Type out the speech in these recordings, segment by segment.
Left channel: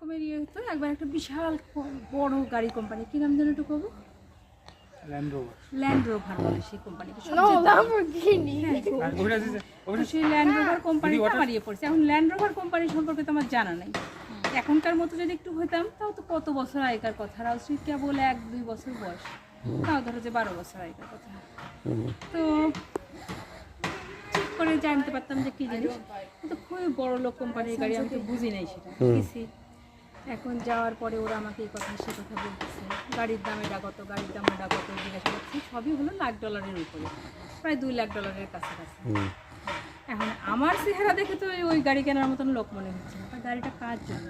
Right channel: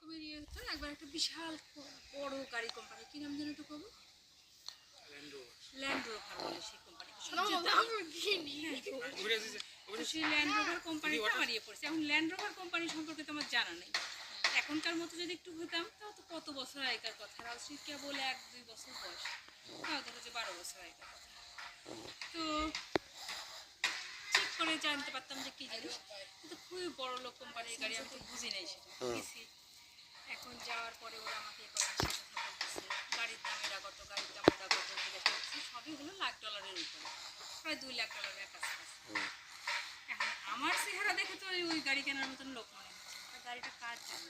রকমের ইয়ে হতো। একবার একটা বিশাল বড় গাড়ি কোম্পানি, কি নাম যেন একটু কব, ল্যান্ড রোভার বলে সেই কোম্পানিকে। সেই ল্যান্ড রোভার কোম্পানিটা আমার ইয়ে পড়ছে। এখন ল্যান্ড রোভার কোম্পানি সম্পর্কে তো আমার জানা নাই। এখনকার মতো যদি একটু হইতাম তাও তো কত বছর আগেকার কথা, রাউসি কেবল 1-2 বছর বয়স, তাও ধরো যে 12 বছর আগেকার কথা। তো ঠিক করে জানতে পারতাম যে কি জিনিস, কিন্তু খুবই বড় লোক কোম্পানির গাড়ি, আমি তো বুঝি নাই সেটা কিছু। এখন যাওয়ার পরে ওরা আমাকে এই কথা সে কথা বলতেছে, গাড়ির দাম এটা কত, গাড়ির দাম ওটা কত জিজ্ঞাসা করছি। সবই হলো $1,00,000 উপরে, প্রায় $2,00,000 কাছাকাছি। এখন আমার চেহারা দেখে তো ওই গাড়ি কেনার মতন লোক মনে হচ্ছে না। গাড়িটা কার জন্য,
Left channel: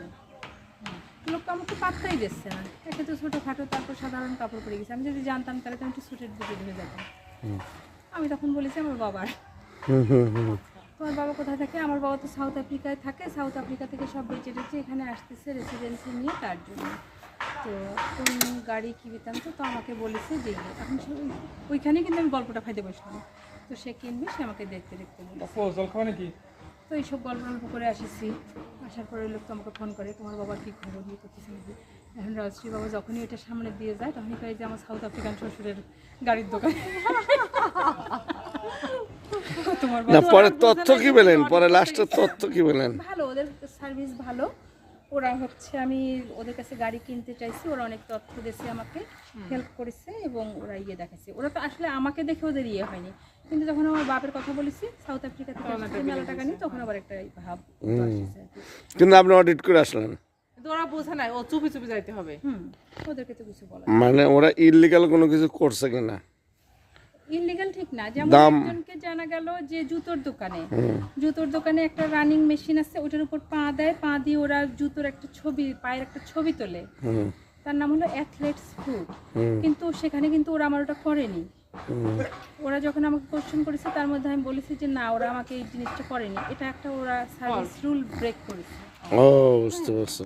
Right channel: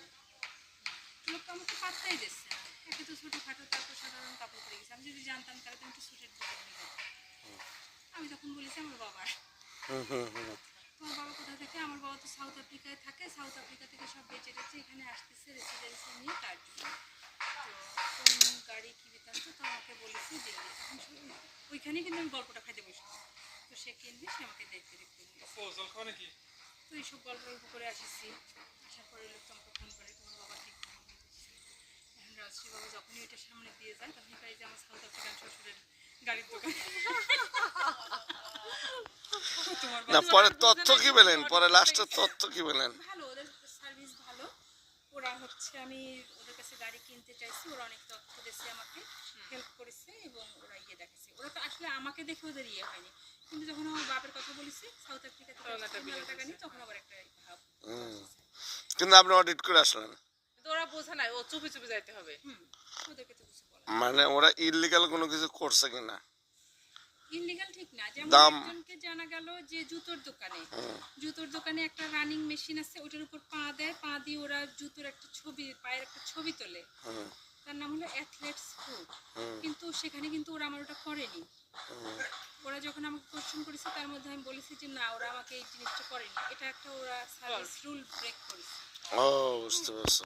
লোকটা আমাকে পাত্তাই দিচ্ছে না। একে তো ছোটোখাটো, তারপর সাধারণ কাপড় পরে গেছে। আমি যদি জানতাম তাহলে তো আমি একটু স্যুটের দিকে ঢুকে যেতাম। আমি তখন বলেছি আমার বাবার। তোমার বাবা কোথায় থাকে? আমার বাবা তো সাউথ আফ্রিকায় থাকে, সাউথ আফ্রিকা থেকে সব বেঁচে টেচে এখানে আসতেছে রেসিডেন্সি নিয়ে, তার জন্য। তো কোন গাড়ি কিনতাম, তো আমাকে বলেছে যে এখন ওইখানেই কিন্তু আমি গল্পটা খাইতে বসলাম। তো সে কিনবে, সে আমাকে দেখতে দেখতে বলছে। তো এইসব গল্প করে আসেছি। আসার পরে লোক তো আমাকে ফোন করে, তোমার বাবার কী খবর, নিয়ে করতেছে নাকি। এখন রাজশ্রী বাবা যখনই এটা সামনে দিয়ে যায় তখনই কয়ে যে আমার সাউথ আফ্রিকান শ্বশুরের গাড়ির দোকান। না পরে তথ্য কি পেলেন, পরে লাস্টের তথ্য কি পেলেন? ভালো, ওদের সার্ভিস ভালো। ওরা হচ্ছে, আমি ওদের কাছে গাড়ি কিনতে চাইছি, ওরা অনেক তথ্য দিয়েছে, আমাকে হেল্প করেছে এবং ওরা ইয়ে দেখাচ্ছে। ওরা তো আসলে আমাকে দেখে ওদের ইয়ে হয়নি, কিন্তু যখন আমার বাপের কথা বলেছি সাউথ আফ্রিকা থেকে মেলা টাকা নিয়ে, তখন আবার একটা ভাব আসছে। কিন্তু আপনি অডিট করে আসলেন, ওরা বোঝে না, ও চুপি চুপি যাইতে হবে। ওদেরকে তো কিছু বলা মানে ওরা ইললিগাল কোনো কিছু করছে কিনা? ইনলিগাল ঠিক না। যেমন একজনকে জানা গেল যে জুতোর দোকানে একটা রানিং মেশিন আছে, ওটার উপর পা দেয়, পা দিয়ে ওরা জুতোর একটা ছবি, পায়ের একটা ছবি তোলে, তার নাম হলো অ্যাথলেটস ফুট। কিন্তু সেখানে কিন্তু ওরা আমার ওটা করেনি। ওরা যখন আমাকে কোশ্চেন করেছে তার মধ্যে আমি বলেছি যে না, ওরা আমাকে এই জিনিসটা করেনি, এটা একটা ওরা সার্ভিস রুল ব্রেক করেছে। ও বুঝতে পারছি।